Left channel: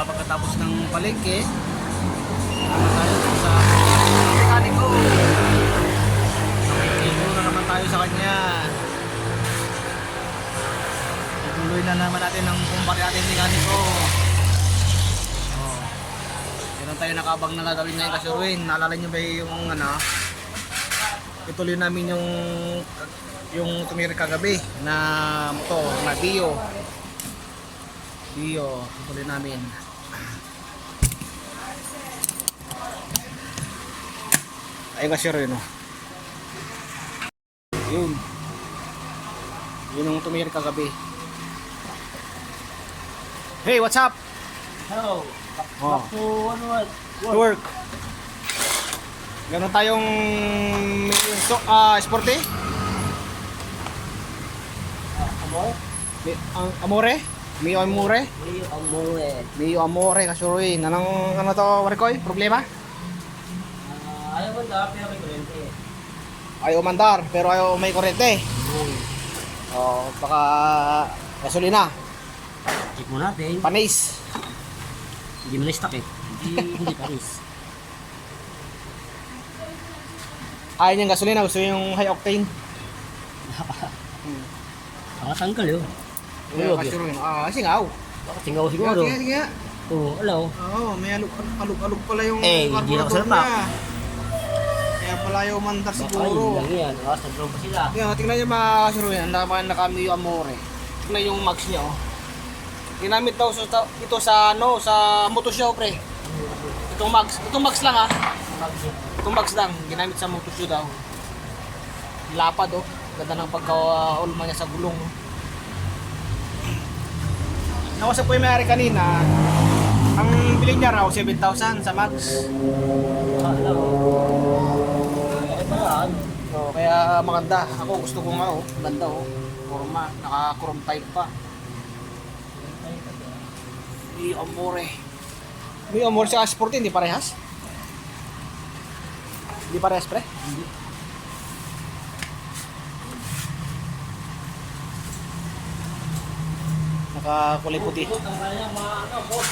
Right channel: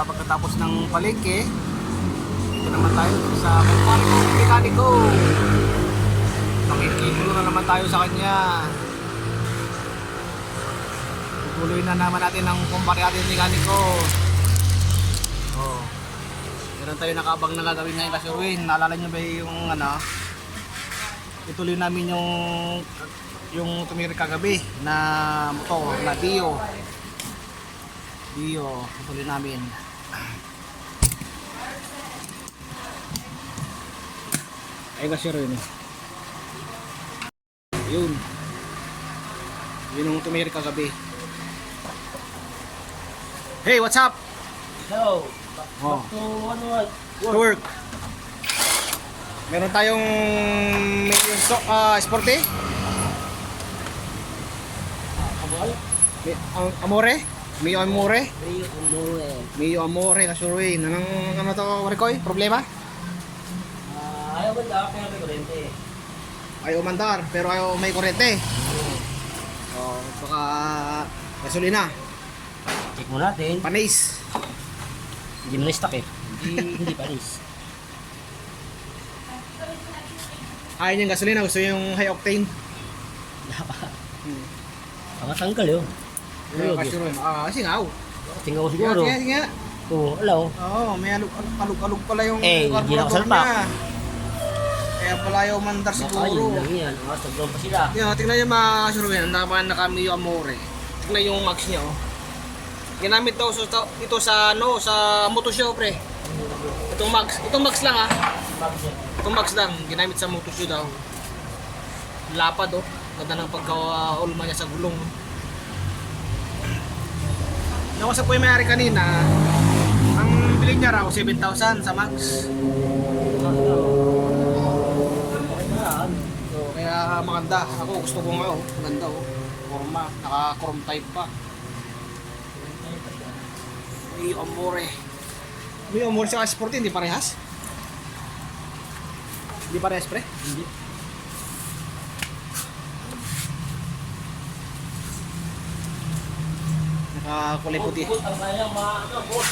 pagkatapos ng palengke, ito naman tayo sa mekaniko. Makikigulo na naman tayo sa kanya. Tutuloy na naman natin ang kumpare natin mekaniko. Oh. Meron tayo nakabang na gagawin ngayon kasi Ruin. Naalala nyo ba yung ituloy namin yung tumiri kagabi na motor na Dio. Ituloy namin. Ayun kasi Ruin. Yun ang tumiri kagabi. Hey, what's up? Hello. Oh. Back to Work. Meron tayong sporty. Amore? Amore? Amore. Mio Amore kasuroy. Ano to, Warikoy? Problema? Ayaw mo na, pero may kurente. Ayaw mandar, pero ayaw may kurente. Oh, baka gasolina. Check mo natin. Panis. Hindi mo na-stock eh. Hindi paris. Ayaw niyang gasolina, gusto yung high octane. Nakatanggal yun. Pero kasuroy. Singaw. Tingnan ko siguro. Sige nga. Oo, alaw. Oo, may alug pala yung Hindi na carburetor kasalpak. niya. Kaya pala ayaw mandar Baka siguro. yun lang yan. Nakasagroon pa sila. Yeah, tingnan niyo mga kasuroy. Ang naka-Mio Amore. Tingnan yung max niya oh. Ginamit daw ito sa motoshow pre. Itong max lang ha. Itong max lang ginamit sa motoshow daw. Lapad oh. Ganda ng pagka-ulma niya sa gulong oh. Nakusap ko yung may-ari kanina. Ang biling niya raw 7,000 sa max. So, kaya maganda. Ako gusto ko nga oh. Maganda oh. Forma, naka-chrome type pa. Mio Amore. Mio Amore sa Sport hindi parehas? Hindi parehas pre? Hindi. Nakakulay puti. Ang kaya boss.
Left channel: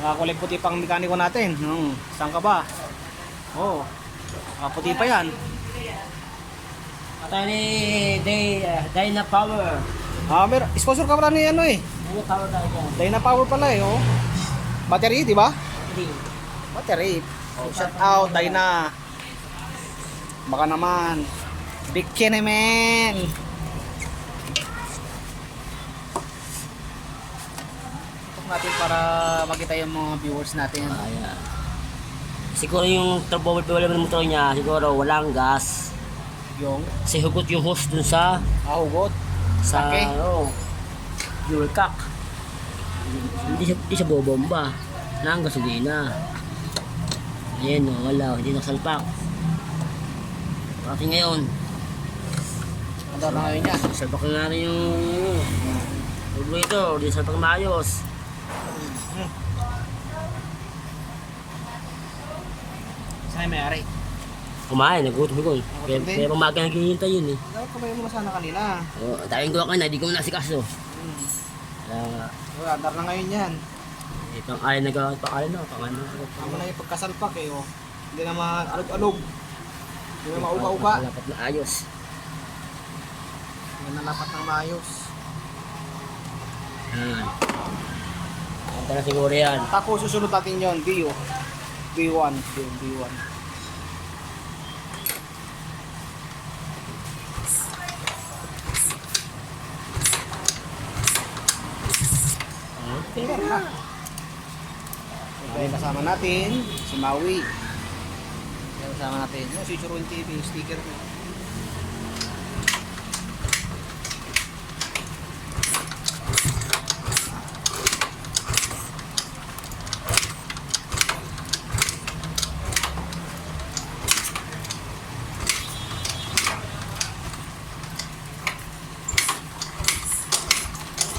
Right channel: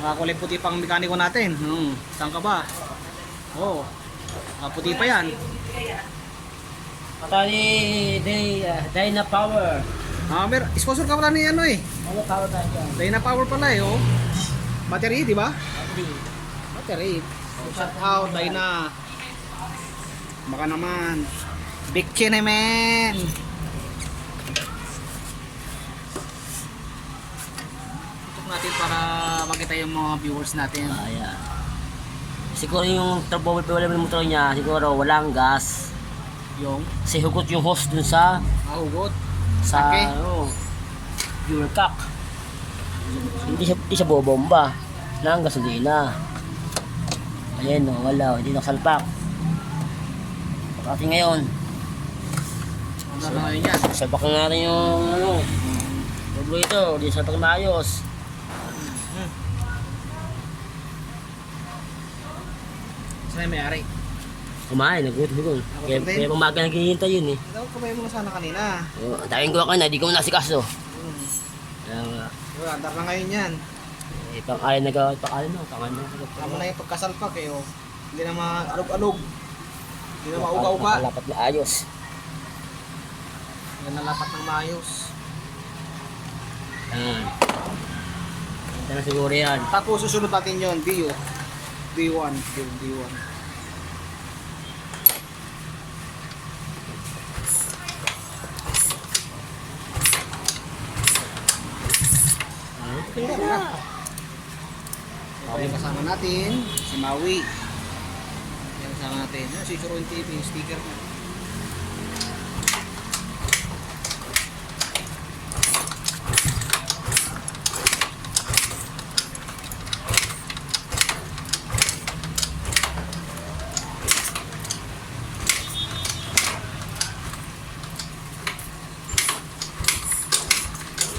Nakakulay puti pang mekaniko natin. Saan ka ba? Oh. Nakaputi pa yan. Ata ni Dyna Power. Sponsor ka pala ni ano eh. Dyna Power tayo dyan. Dyna Power pala eh oh. Battery, di ba? Hindi. Battery. Shout out Dyna. Baka naman. Big Kineman. Tutok natin para makita yung mga viewers natin. Ayan. Siguro yung turbo problem ng motor niya, siguro walang gas. Yung Kasi hugot yung hose dun sa hugot. sa Okay. fuel cock. Hindi siya bobomba ng gasolina. Ayan o, wala, hindi nakasalpak. Pati ngayon, Ano na ngayon yan? salpak na natin yung turbo ito, hindi salpak na maayos. Saan yung may-ari? Kumain, nagutom. Kaya din? pamaga naghihintay yun eh. Dapat kumain mo na sana kanina. Ang tawin ko ka na, di ko nasikaso. Kaya nga, Andar na ngayon yan. pang-alin na gawat, pang-alin na, pang-ano. Tama na yung pagkasalpak eh oh. Hindi na maalog-alog. Hindi na mauga-uga. Lapat na ayos. Hindi na lapat ng maayos. Yan. Ganda na siguro yan. Tapos susunod natin yun, Dio. D1. D1. Okay na. Ito yung kasama natin, si Maui. Yung kasama natin, si Suruin TV, yung sticker niya.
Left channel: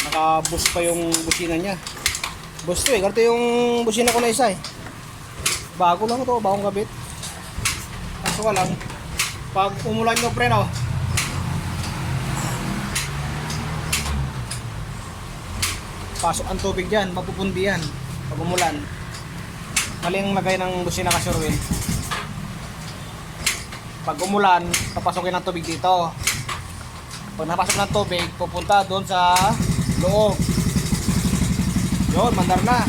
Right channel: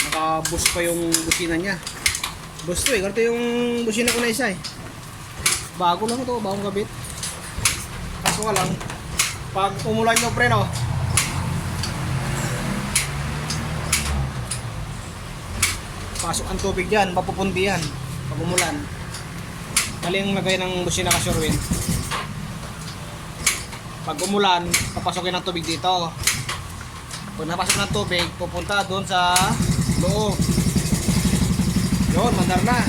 Naka-boost pa yung busina niya. Boost to eh, ganito yung busina ko na isa eh. Bago lang ito, bagong kabit. Kaso ka lang, pag umulan yung preno, Pasok ang tubig dyan, mapupundi yan pag umulan. Mali ang lagay ng busina ka Sherwin. Pag umulan, papasokin ng tubig dito. Pag napasok ng tubig, pupunta doon sa loob. Yun, mandar na.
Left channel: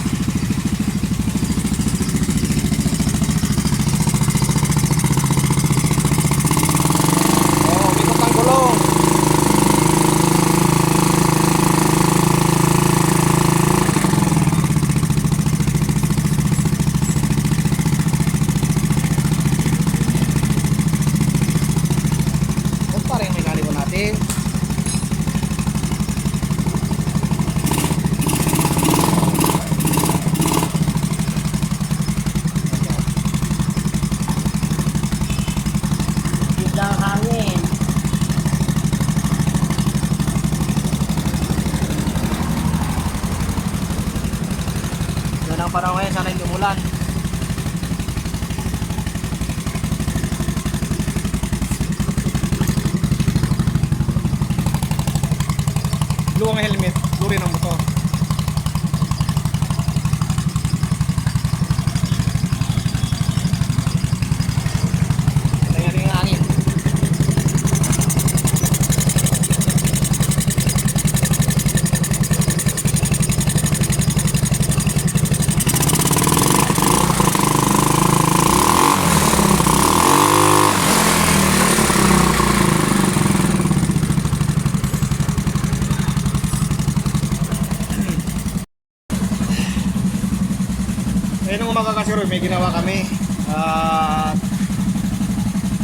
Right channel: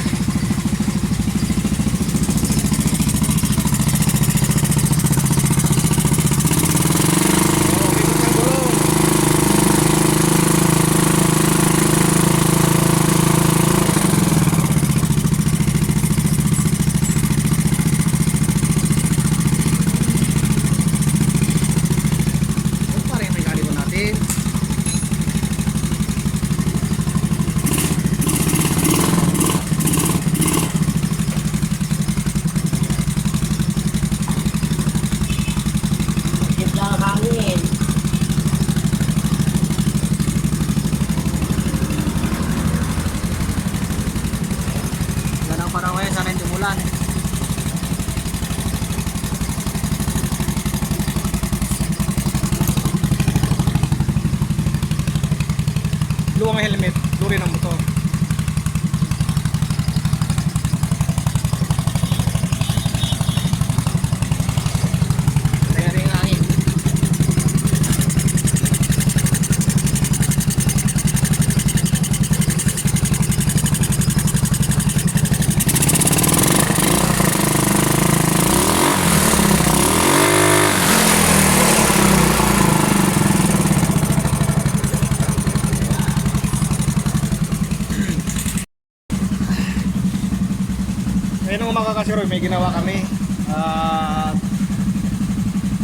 Parang kaya sana hindi umulan. Blue ang helmet, blue rin ang motor. Kaya rin ang hangin. Ngayon nung umaga kasi may ginawa kami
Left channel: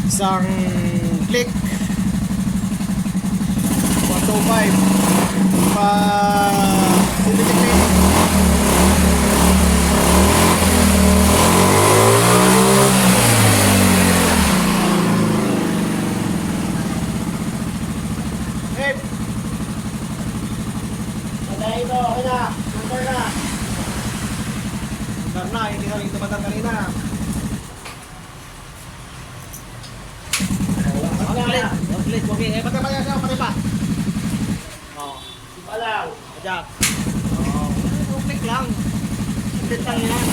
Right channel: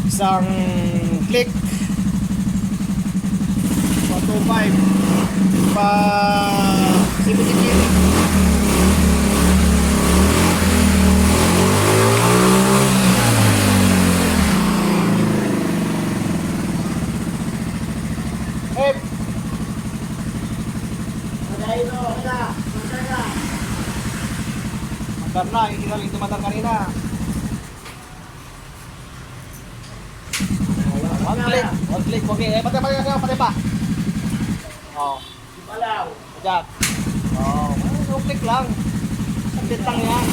isang click 125 pa CBT cleaning. Hey! Padayin mo, okay na, mandar na. Mandar na, hindi na rin dumadang kanina. Patay pa. Oh. Palaw. Ajak. Oh. Click lang. Sandit lang yan.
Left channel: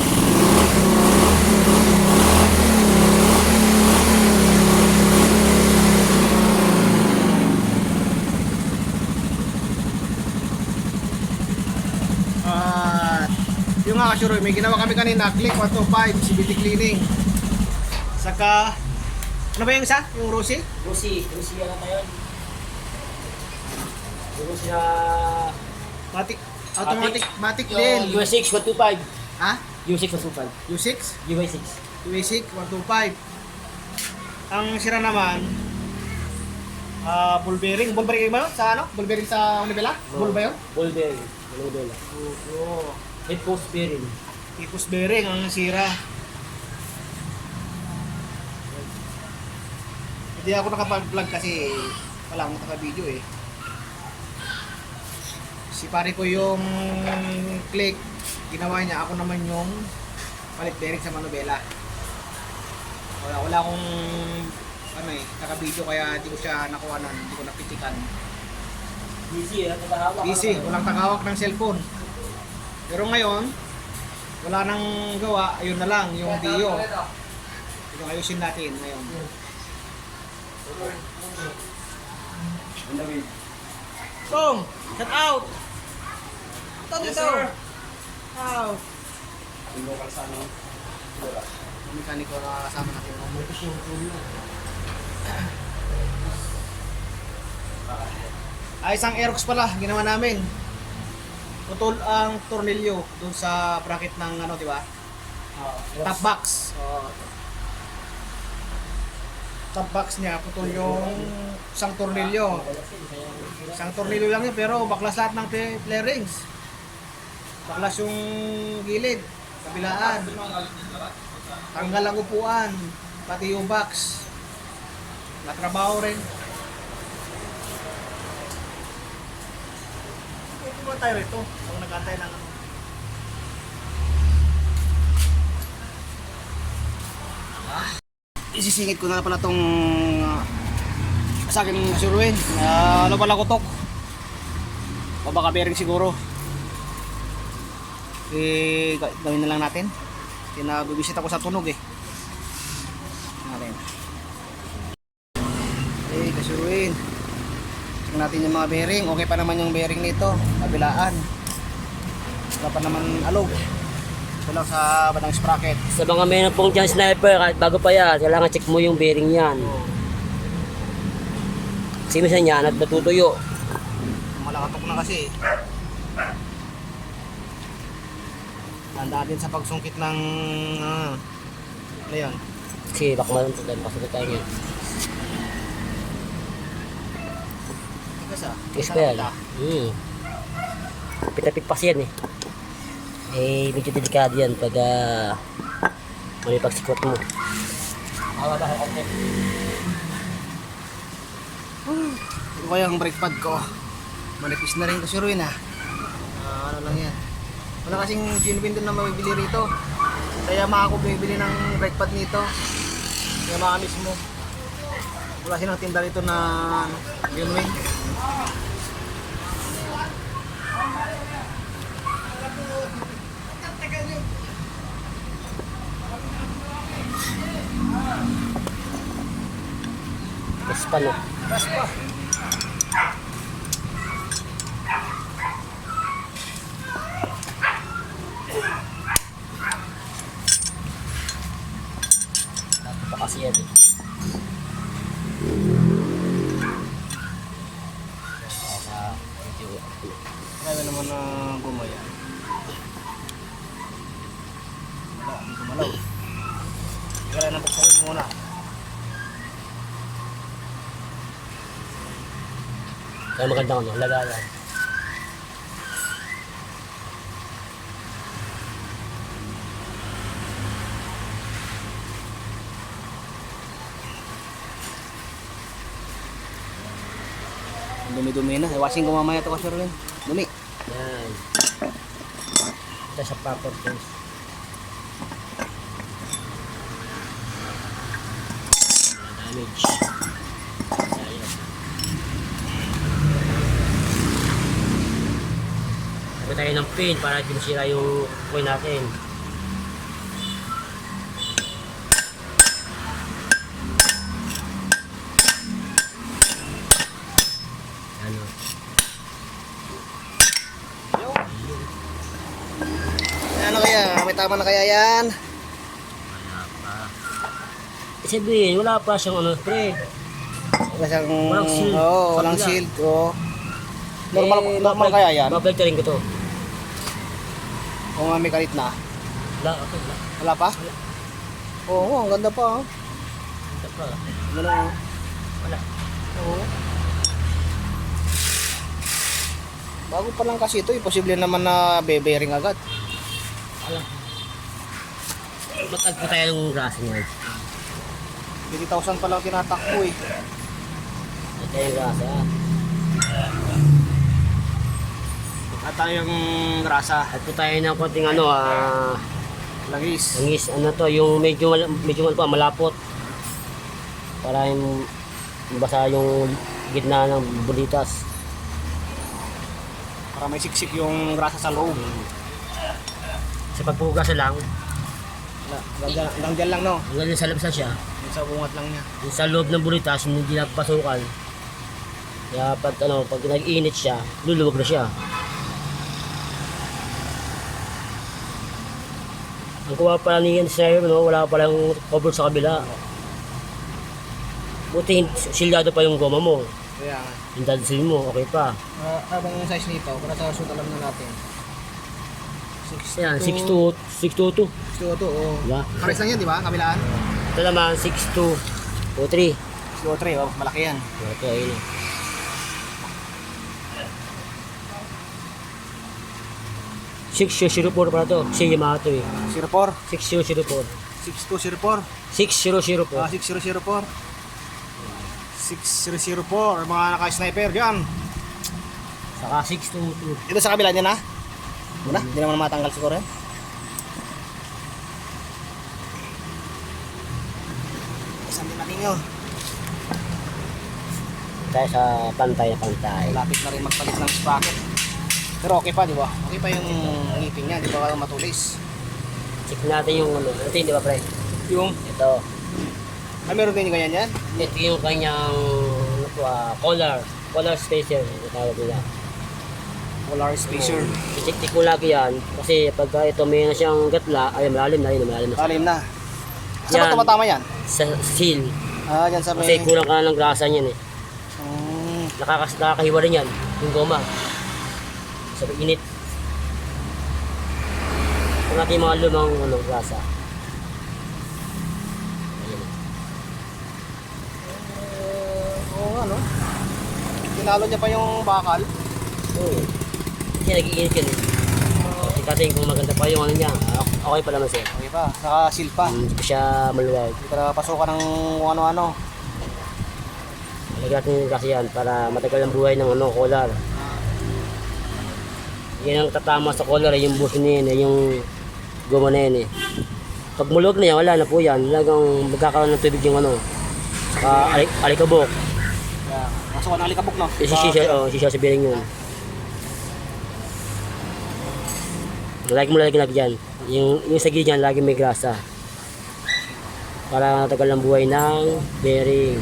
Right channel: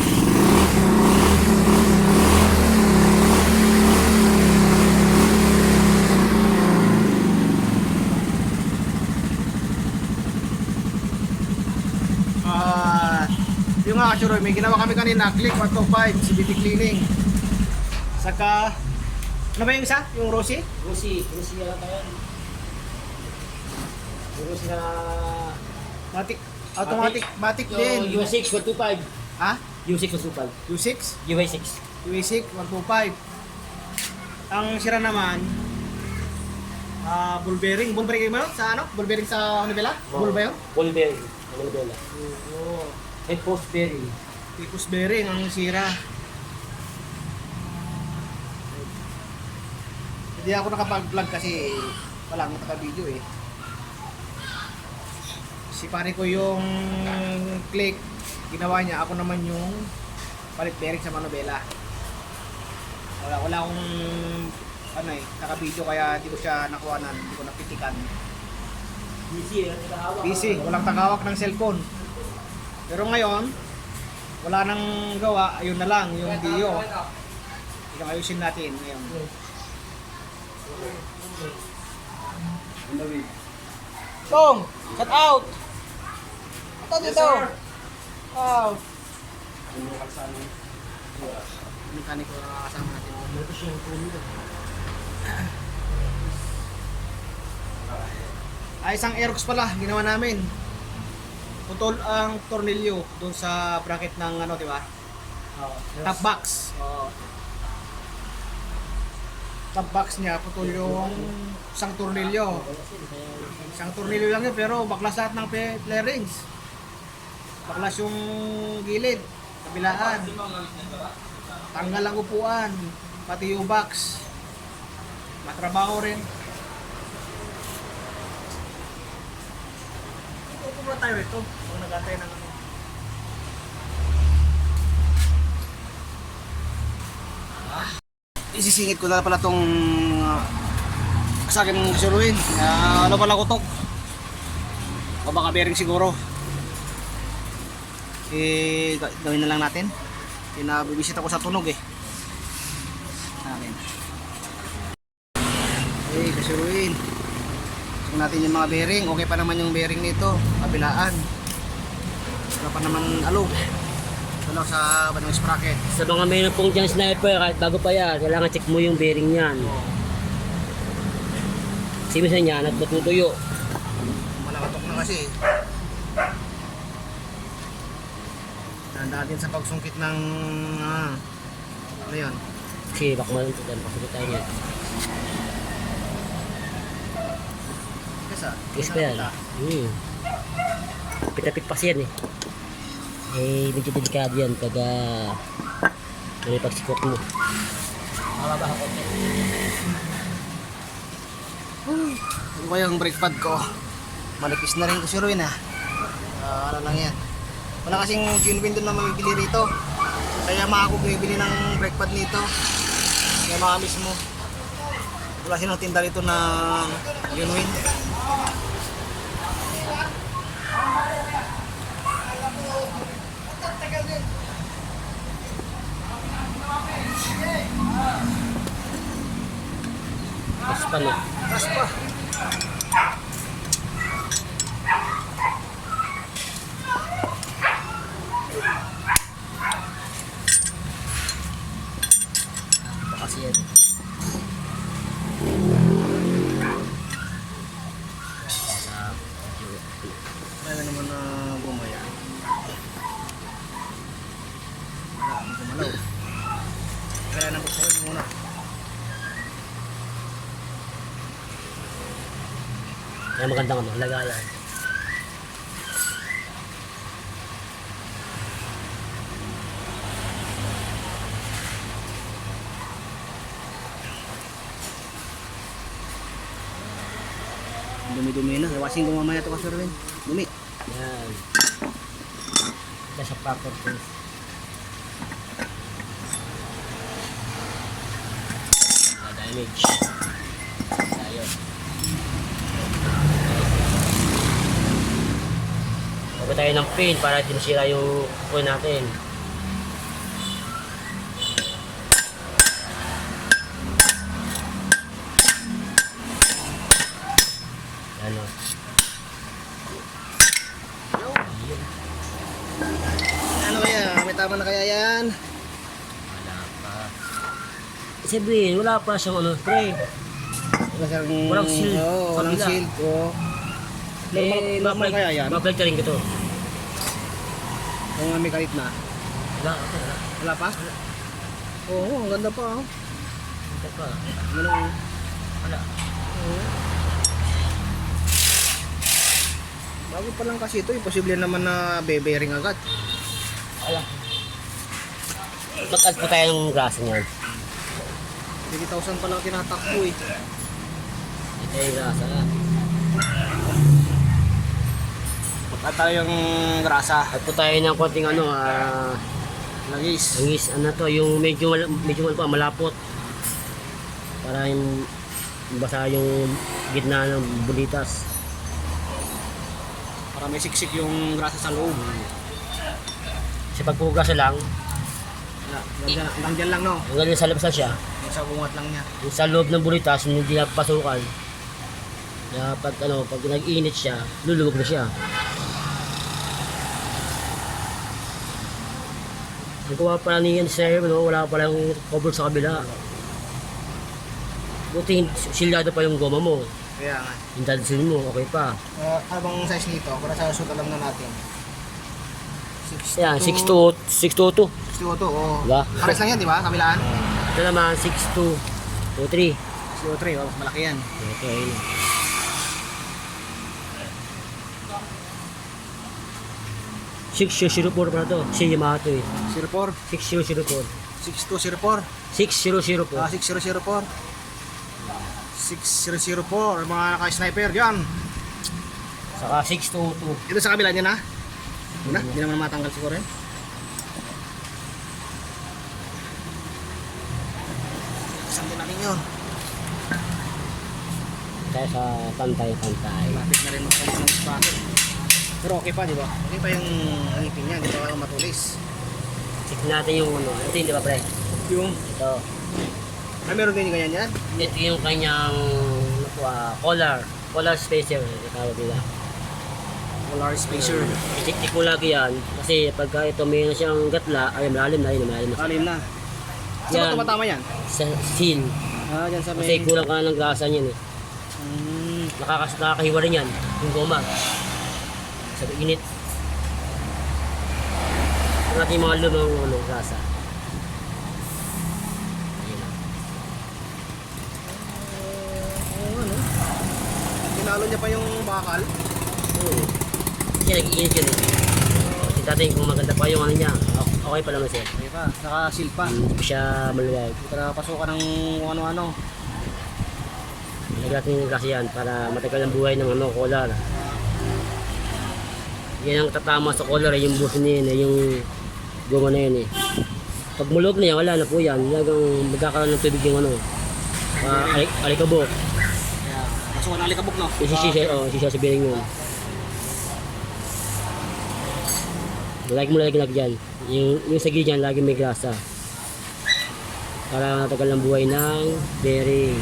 Yung nga kasuro, may ginawa kami kanina, click 125 CBT cleaning. Saka ano ba yung isa? Yung Rosie? Rusi ano tayo? Rusi na Matic, automatic din. US6 125. Ha? US6 125. U6? US6. U6 125. Ang sira naman ball bearing. Ball bearing ba yun? Sa ano? Ball bearing sa manibela? Ball ba yun? Ball bearing. Ball. Oo. Head post bearing. Tipos bearing ang sira. Hindi ako nakapag-vlog kasi walang naka-video eh. Si pare ko yung click, ginawa niya, ako naman yung palit bearing sa manubela. Wala akong ano eh, naka-video kaya hindi ko siya nakuhanan, hindi ko napitikan. Busy, walang tagahawak ng cellphone. Pero ngayon, wala nang gawa, ayun na lang, yung Dio. Yung ayusin natin ngayon. Tong, shut out! Ito dito! Out! Ang mekaniko na kasama natin. Isang Aerox pala, ginawa namin. Putol ang tornilyo doon sa bracket ng ano, di ba? Top box. Top box niya, putol yung isang tornilyo. Isang tornilyo lang yun, pero baklas lahat ng flarings. Baklas yung gilid, kabilaan. Tanggal ang upuan, pati yung box. Matrabaho rin. Upo muna tayo rito, pag nag-antay ng ano. Isisingit ko na pala tong sa akin Sherwin. Ano pala kutok? O baka bearing siguro. gawin na lang natin. Bibisita ko sa tunog eh. Natin. Kasuruin. Check natin yung mga bearing. Okay pa naman yung bearing nito. Kabilaan. Wala pa naman alog. Ito lang sa batang sprocket. Sa mga meron pong dyan sniper, kahit bago pa yan, kailangan check mo yung bearing yan. Kasi minsan yan at natutuyo. Malakatok na kasi. Tanda natin sa pagsungkit ng ano yun. Kasi baka maluntugan, pakita tayo niya. Yes pa yan. Pitapit pa siyan eh. Medyo delikado yan pag may pagsikot mo. Makababa ka konti. Ito kaya ang brake pad ko. Manipis na rin kasi ruin ano lang yan. Wala kasing genuine doon na mabibili rito. Kaya ako bumibili ng brake pad nito. Kaya makamis mo. Wala silang tinda rito na genuine. Mas pa no. Gas pa. Ito kasi yan eh. Marami naman na gumaya. Wala, hindi gumalaw. Kaya napagpakin muna. Kaya magandang ano, lagayan. Dumi-dumi na. Iwasin ko mamaya ito kasi rin. Dumi. Yan. Ito sa proper place. Wala damage. Tayo. Lagyan tayo ng pin para di masira yung coin natin. Yan o. Ano kaya? May tama na kaya yan? Wala pa. Sabihin, wala pa siyang ano, pre. Walang shield. Oo, walang Kabila. shield. Oo. Normal kaya yan? Mabalik ka rin ko to. Kung may kalit na. Wala, okay, wala. Wala pa? Oo, ang ganda pa. Hindi pa. Ano? Wala. Oo. Bago pa lang kasi ito, posible naman na bearing agad. Wala. Mag-add po tayo ng grasa niyan. 30,000 pa lang tinatakbo eh. Ito yung grasa. Mag-add tayo yung grasa. Add po tayo ng konting ano, Langis. langis. Ano to, yung medyo malapot. Para yung basa yung gitna ng bulitas. Para may siksik yung grasa sa loob. Kasi pag po grasa lang, Hanggang dyan lang no. hanggang sa labas na siya, Yung sa bungat lang niya. yung sa loob ng bulitas, hindi napapasukan. Kaya pag nag-init siya, luluwag na siya. Ang kuha pala niyan sa no, wala palang cover sa kabila. Buti silyado pa yung goma mo. Kaya nga. Yung dadalhin mo, okay pa. Habang size nito, para sa suit alam na natin. Yan, 6'2", 6'2", 6'2", oo. Diba? Pares lang yan, di ba? Kabilaan? Ito naman, 6'2", 2'3". 6'3", malaki yan. Okay, ayun. $6,004 pala to. Si Yamato eh. 04, 6004. 6204, 6004. 6004. 6004, mga naka-sniper dyan. Saka 622. Ito sa kabila niya na. Muna, hindi naman matanggal siguro yan. Saan din natin yun? Tayo sa pantay na pantay. Lapit na rin magpalit ng sprocket. Pero okay pa, di ba? Okay pa yung ngipin niya, di ba kaya matulis? Check natin yung ano. Ito yun, di ba pre? Yung, Ito. meron din ganyan yan? Ito yung kanyang ano po, collar spacer. Ito tawag nila. Polar spacer. I-check mo lagi yan. Kasi pagka ito may na siyang gatla, ay malalim na yun, malalim na. Alim na. Saan ba Yan. tumatama yan? Sa seal. Ah, dyan sa Kasi may... kulang ka na ng grasa niyan eh. Nakakahiwa rin yan, yung goma. Sa init. Ito natin yung mga lumang grasa. Ayan. Oo nga, no? Tinalo niya pa yung bakal. Kasi nag-iinit yan eh. Kita natin kung maganda pa yung ano niya. Okay pa naman siya. Okay pa, naka-seal pa. Hindi pa siya maluwag. Hindi ka napasukan ng kung ano-ano. Lagyan natin yung grasa yan para matagal ang buhay ng collar. Yan ang tatama sa collar, yung buhos niya yun, yung goma na yun eh. Pag mulog na yan, wala na po yan. Lagang magkakaroon ng tubig yung alikabok. Kaya, pasukan ng alikabok, no? Sisya sa bearing yun. Lagi mo lagi dyan. Yung sa gilid dyan, lagi may grasa. Para matagal ang buhay ng bearing.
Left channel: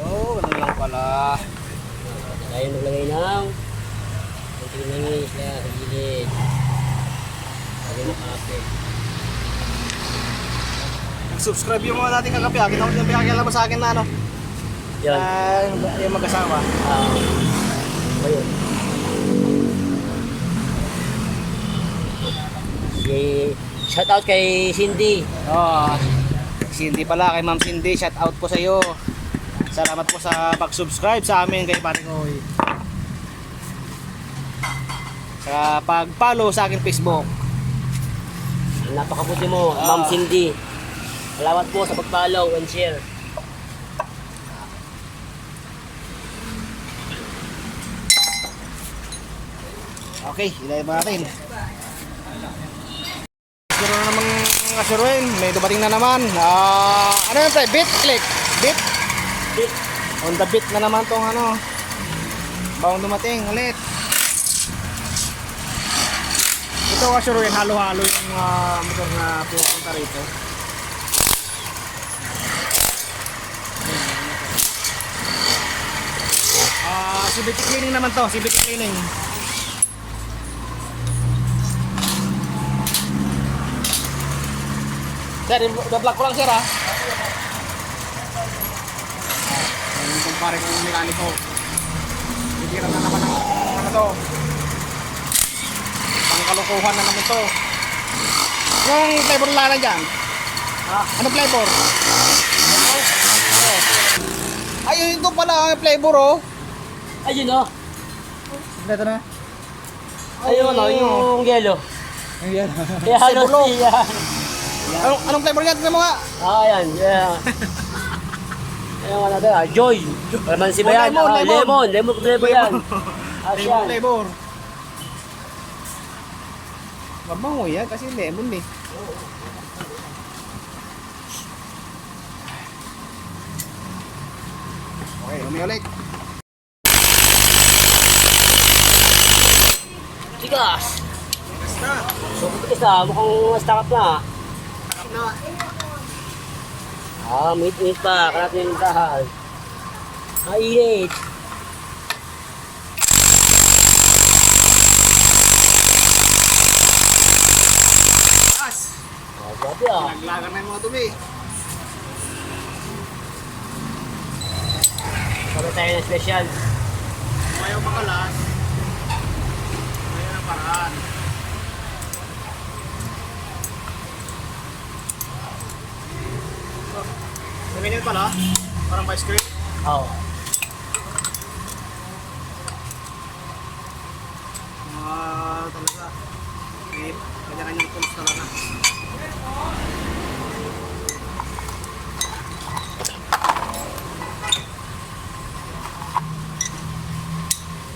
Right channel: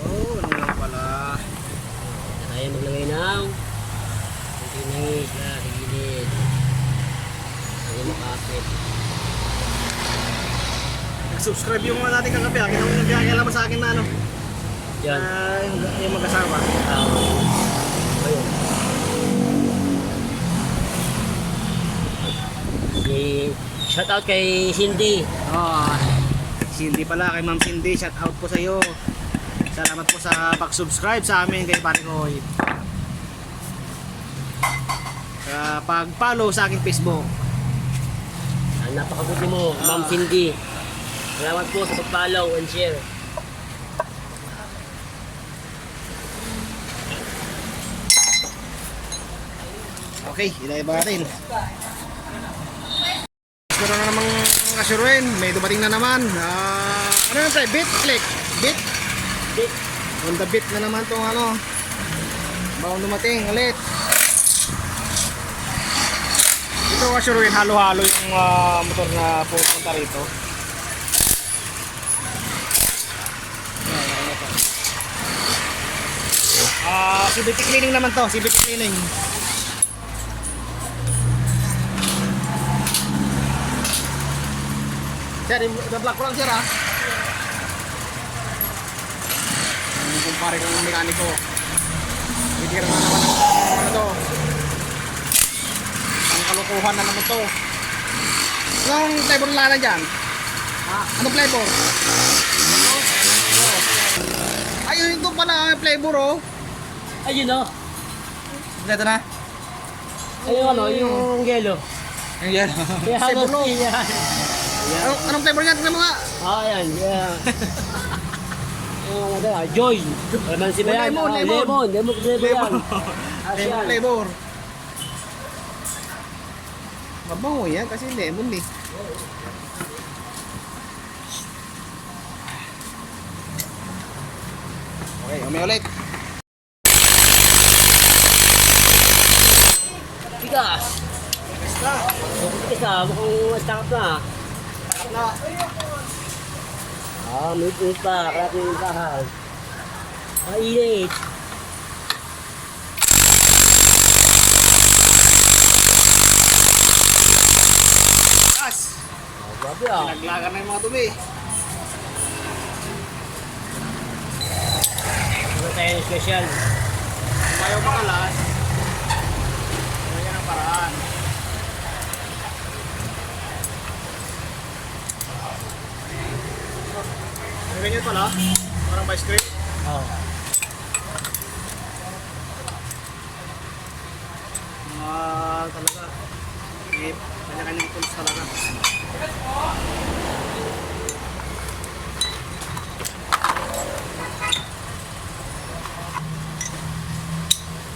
Oo, ganun lang pala. Tayo maglagay ng konting langis sa gilid. Lagi makapit. Nag-subscribe yung mga dating kagabi. Kaya sa akin na ano. Yan. Yung mag-asawa. Ayun. Shout out kay Cindy. Oh, Cindy pala, kay Ma'am Cindy, shout out po sa iyo. Salamat po sa pag-subscribe sa amin kay Pare Koy. Sa pag-follow sa aking Facebook. Ang napakabuti mo, Ma'am Cindy. Salamat po sa pag-follow and share. Okay, ilay ba natin? Pero na namang kasuruin, may dumating na naman. Ano yun tayo? Beat? Click? Beat? Beat. On the beat na naman tong ano. Bagong dumating ulit. Ito kasuruin, halo-halo yung motor na pupunta rito. Yan, yan ito. CVT cleaning naman to, CVT cleaning. Sir, i-vlog ko lang sir ha. Yung kumpare kong mekaniko. Titira na naman ng ano to. Pangkalukuhan na naman to. Anong flavor lana dyan? Anong flavor? Oh. Ayun ito pala ang flavor oh. Ayun o. Ito na. Ayun o, yung yellow. Yung yan. Kaya halos Sebulok. yan. Anong flavor niya? Tignan mo nga. Yan. Ayun ano ba? Joy. Laman si Bayan. Lemon, lemon. Lemon flavor yan. Lemon flavor. Mabango yan kasi lemon eh. Okay, umi ulit. Tigas. Basta. Tigas na. Mukhang stack up na. Takap na. Meet pa. Karat na yung dahan. Init. Gas. Grabe ah. Pinaglagan na yung mga dumi. Sabi tayo ng special. Kung ayaw makalas, yan ang paraan. May ganyan pala, parang vice grip. Oo. lang talaga. May kanya-kanyang tools talaga.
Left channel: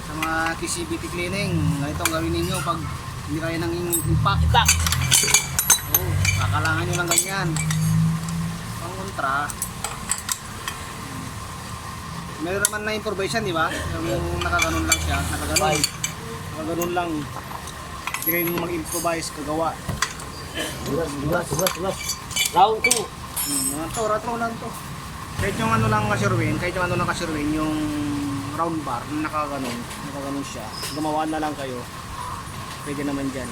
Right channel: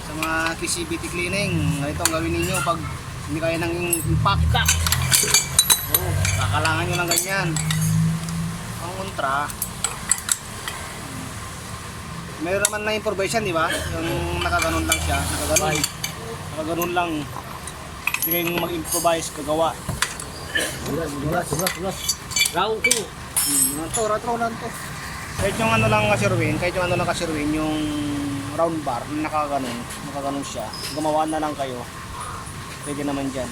Sa mga CBT cleaning, ganito ang gawin ninyo pag hindi kaya ng impact. Oh, kakalangan nyo lang ganyan. Ang kontra, meron naman na improvisation, di ba? Yung nakaganon lang siya, nakaganon lang. Hindi kayo mag-improvise, kagawa. Subas. Round 2. Round to. Kahit yung ano lang kasi Erwin, yung round bar na nakaganon siya. Gumawa na lang kayo. Pwede naman dyan.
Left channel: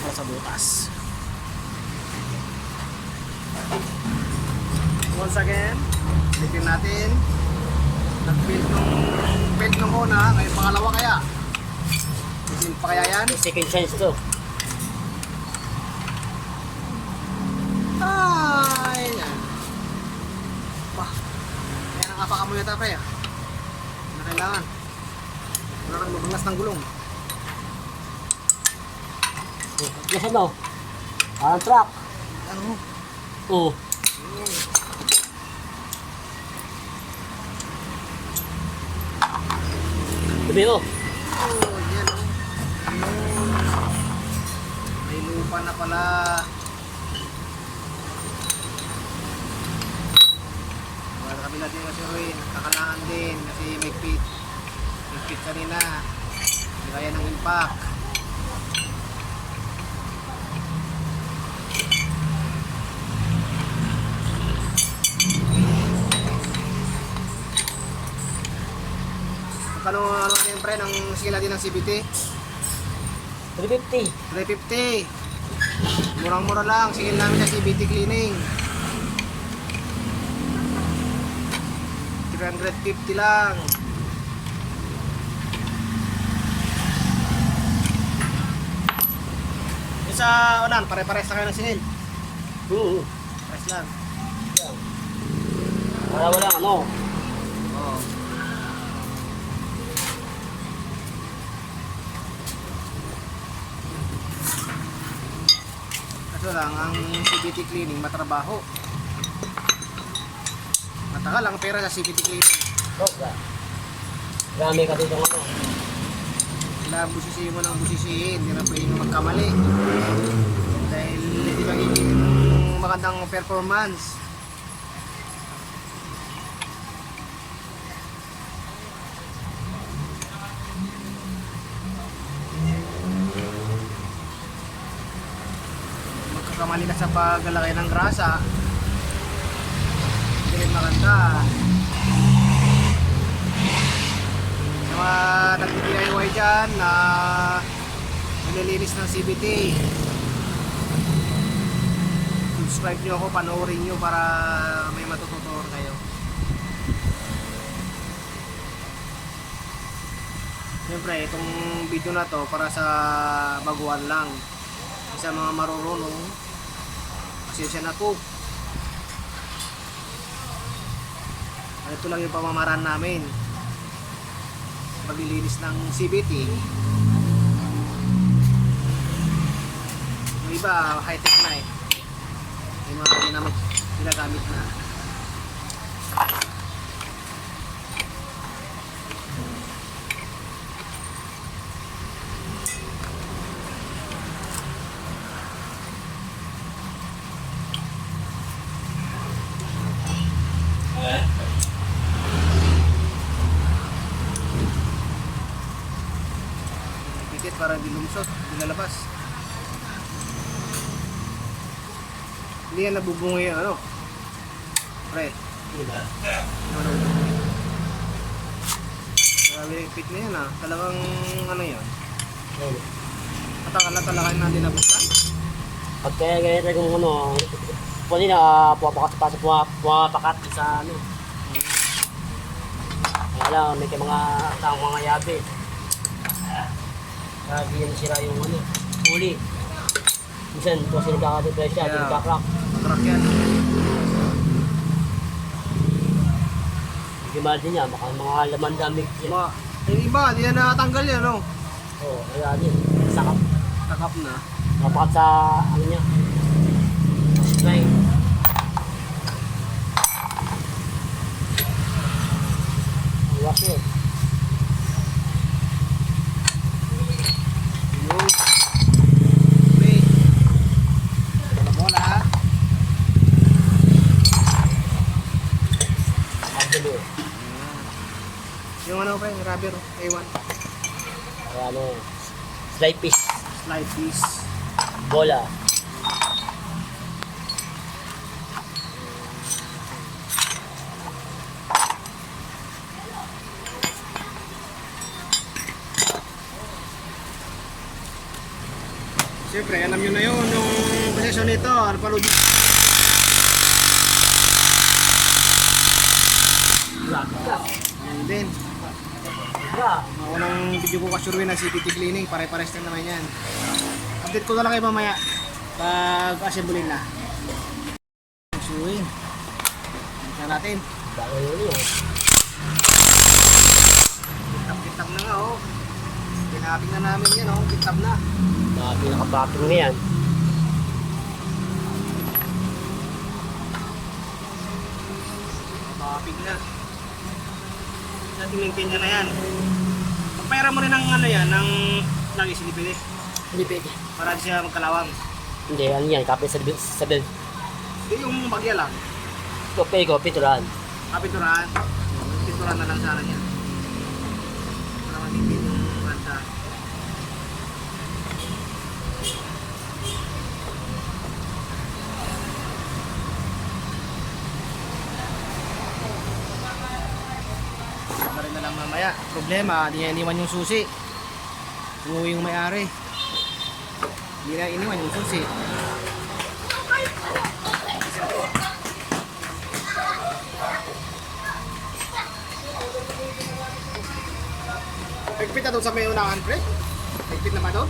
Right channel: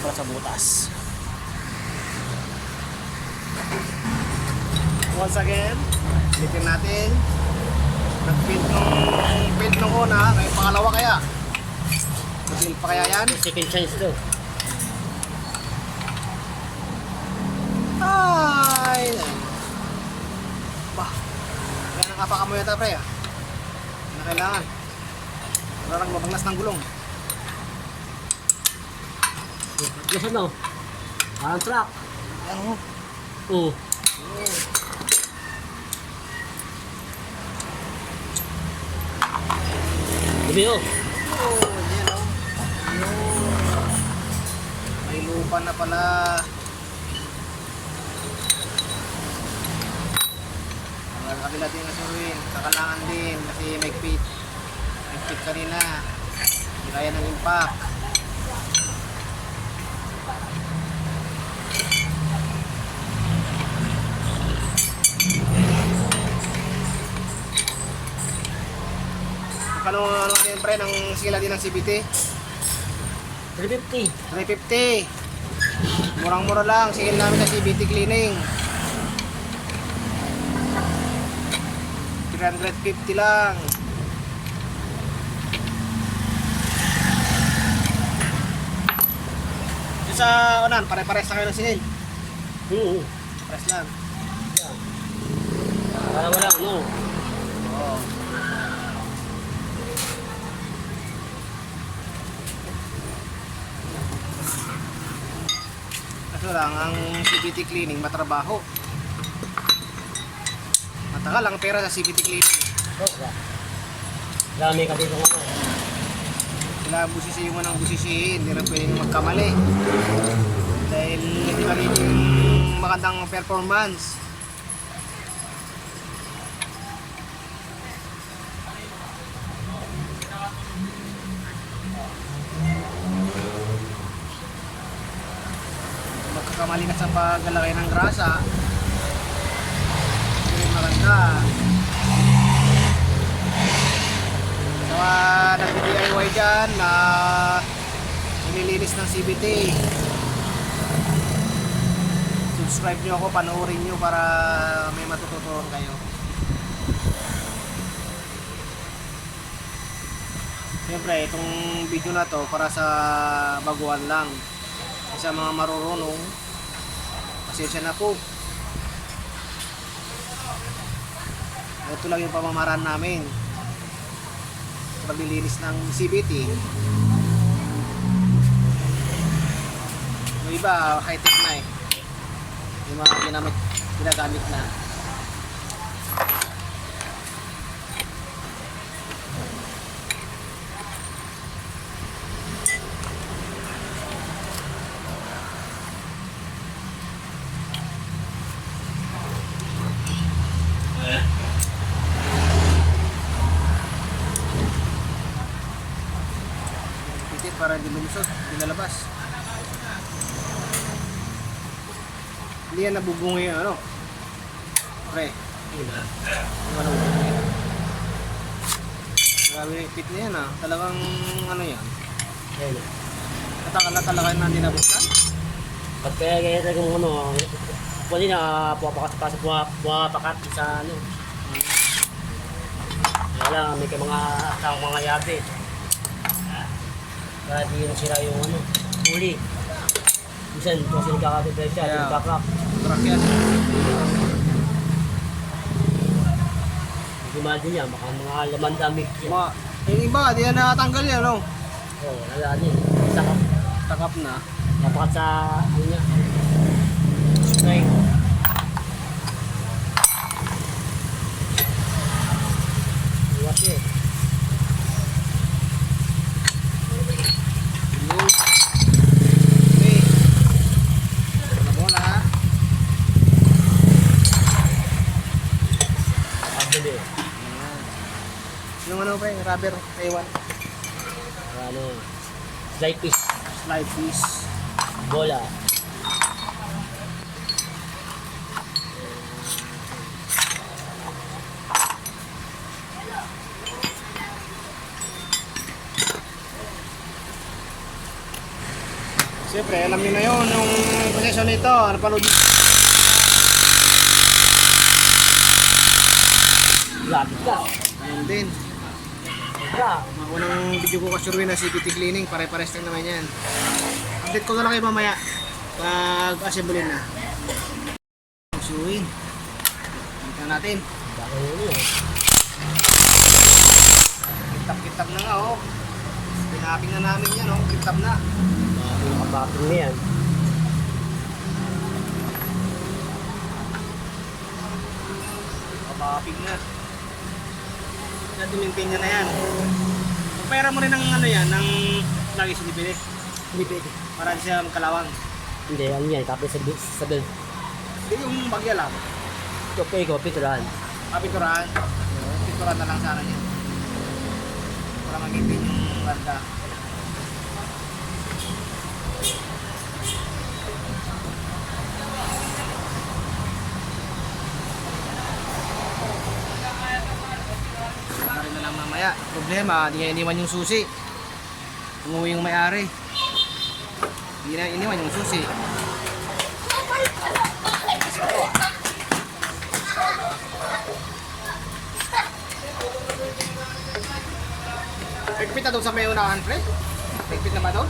Para sa butas. Once again, ulitin natin. Nag-build nung una, ngayon pangalawa kaya. Build pa kaya yan? Second chance to. Ay! Bah! Kaya nakapaka mo yata pre ah. Na kailangan. Wala nang mabanglas ng gulong. Yes, ano? Ang truck. Ano? Oo. Yun. Sabi mo. Oh, yan oh. Yun. May lupa na pala. Sa kabila din kasi Ruin, kakalangan din kasi may pit kanina. Hindi kaya ng impact. Magkano ano natin pre ng sila din ng CBT? 350. 350. Murang-mura lang, singil namin sa CBT cleaning. 350 lang. Yung sa unan, pare-pares na kayo ng singil. Oo. Pares lang. Wala, ano? Oo. Kaso lang, ang CBT cleaning matrabaho. Matagal ang pera sa CBT cleaning. Dami kasi itong ano. Kailangan busisihin mo ng busisihin, hindi na pwedeng magkamali. Dahil hindi magiging magandang performance. Magkakamali ka sa paglalagay ng grasa, hindi rin maganda. Sa mga nagdi-DIY dyan na naglilinis ng CBT, subscribe nyo ako, panoorin nyo para may matututunan kayo. Siyempre itong video na to para sa baguhan lang. Sa mga marurunong, pasensya na po. Ito lang yung pamamaraan namin sa paglilinis ng CBT. Yung iba high-tech na eh, yung mga ginagamit na. Pitit para hindi lumusot, hindi lalabas. Hindi yan nabubungi ano. Pre, hindi naman nabubungi. Grabe na yung pit na yan ah. Talagang ano yan. Katakal na talaga na hindi nabuksan. Pag kaya kung ano, pwede na pumapakat sa ano. Wala, may mga atang mga yabe. Kaya di yun sira yung ano, huli. Minsan, ito kasi nagkakatipay siya, Yeah. nagkakrak. Mag-crack yan. Hindi mahal din niya, baka mga laman damig niya. Yung iba, di na natanggal yan no. Oo, wala din. Sakap. Takap na. Napakat sa ano niya. Supply. Iwas eh. Yun. May. Bola-bola ha. Kabili. Ayan. Yung ano pre, rubber, Taiwan. Ano, slide piece. Slide piece. Bola. Siyempre, alam nyo na yun, yung proseso nito, napanood nyo. Lapit ka. Ganun din. Ka. Mga unang video ko kasurwin na CPT cleaning, pare-pares lang naman yan. Update ko na lang kayo mamaya pag assemble na. Suwing. Balik na natin. Bago yun eh. Kitap-kitap na nga oh. Pinaping na namin yan oh, kitap na. Mga pinakapaping na yan. Kapaping na. Natin maintain niya na yan. Pagpera mo rin ng ano yan, ng lagi sinipili. Hindi pwede. Para di siya magkalawang. Hindi, ano yan, kapit sa belt. Hindi yung bagya lang. Okay ko, piturahan. Kapinturahan. Pinturahan na lang sana yan. Para ma-maintain yung ganda. Na rin na lang mamaya. Problema, di niya iniwan yung susi. Umuwi yung may-ari. Hindi na iniwan yung susi. Sentro ah. Pigpit na doon sa may unahan, pre? Pigpit na ba doon?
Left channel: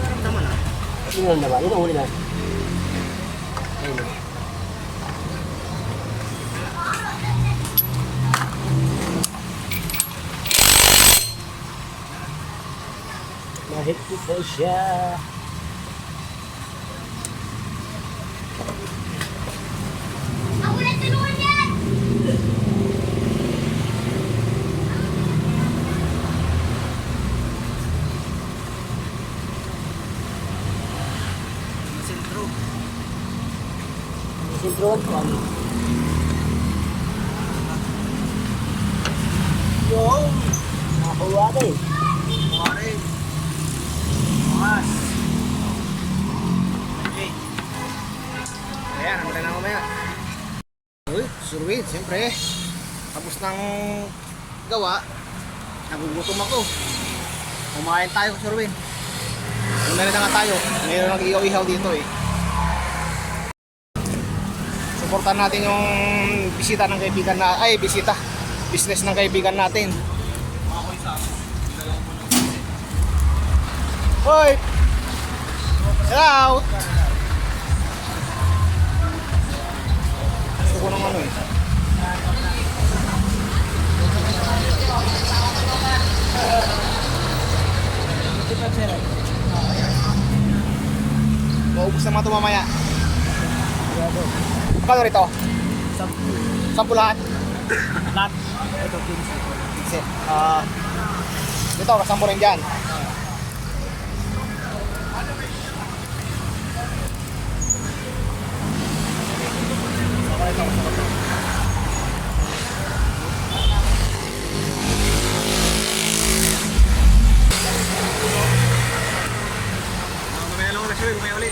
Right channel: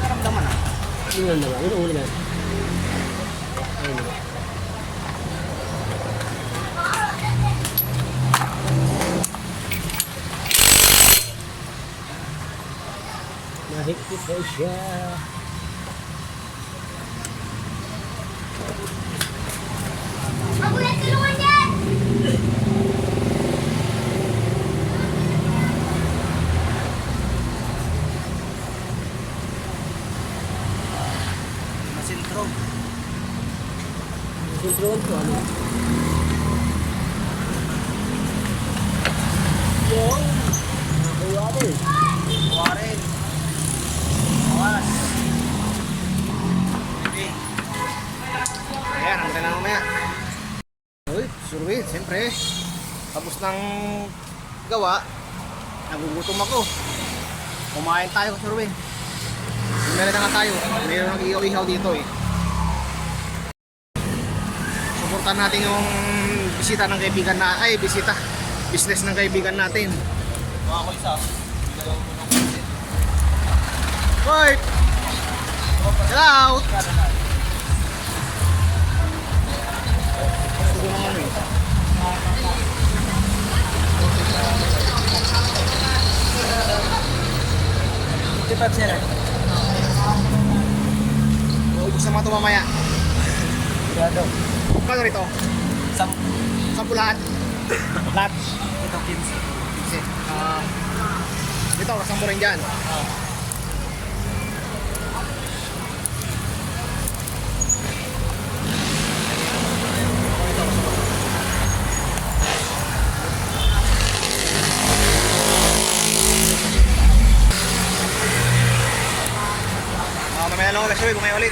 Naramdaman ah. Yun na ba? Yun ang ulo na. Ayun. Mahigpit na siya. Masentro. Sintron ko ano? Yo! Nakakuha na eh. Mawari. Mawas. Okay. Ayan, ang na mamaya. Uy, surwit, siyempre. Tapos ng gawa, nagugutom ako. Kumain tayo, surwit. Meron na nga tayo. Meron nang ihaw-ihaw dito eh. Suportahan natin yung bisita ng kaibigan na, ay bisita. Business ng kaibigan natin. Hoy! Get out! Gusto ko naman eh. Maubos naman ito mamaya. Kano rito? 10 lahat? Lahat? Ito 15. Dito, kasampo rin dyan. Ako ito, gusto ko ito. Mamaya lang ulit, bumaya ulit.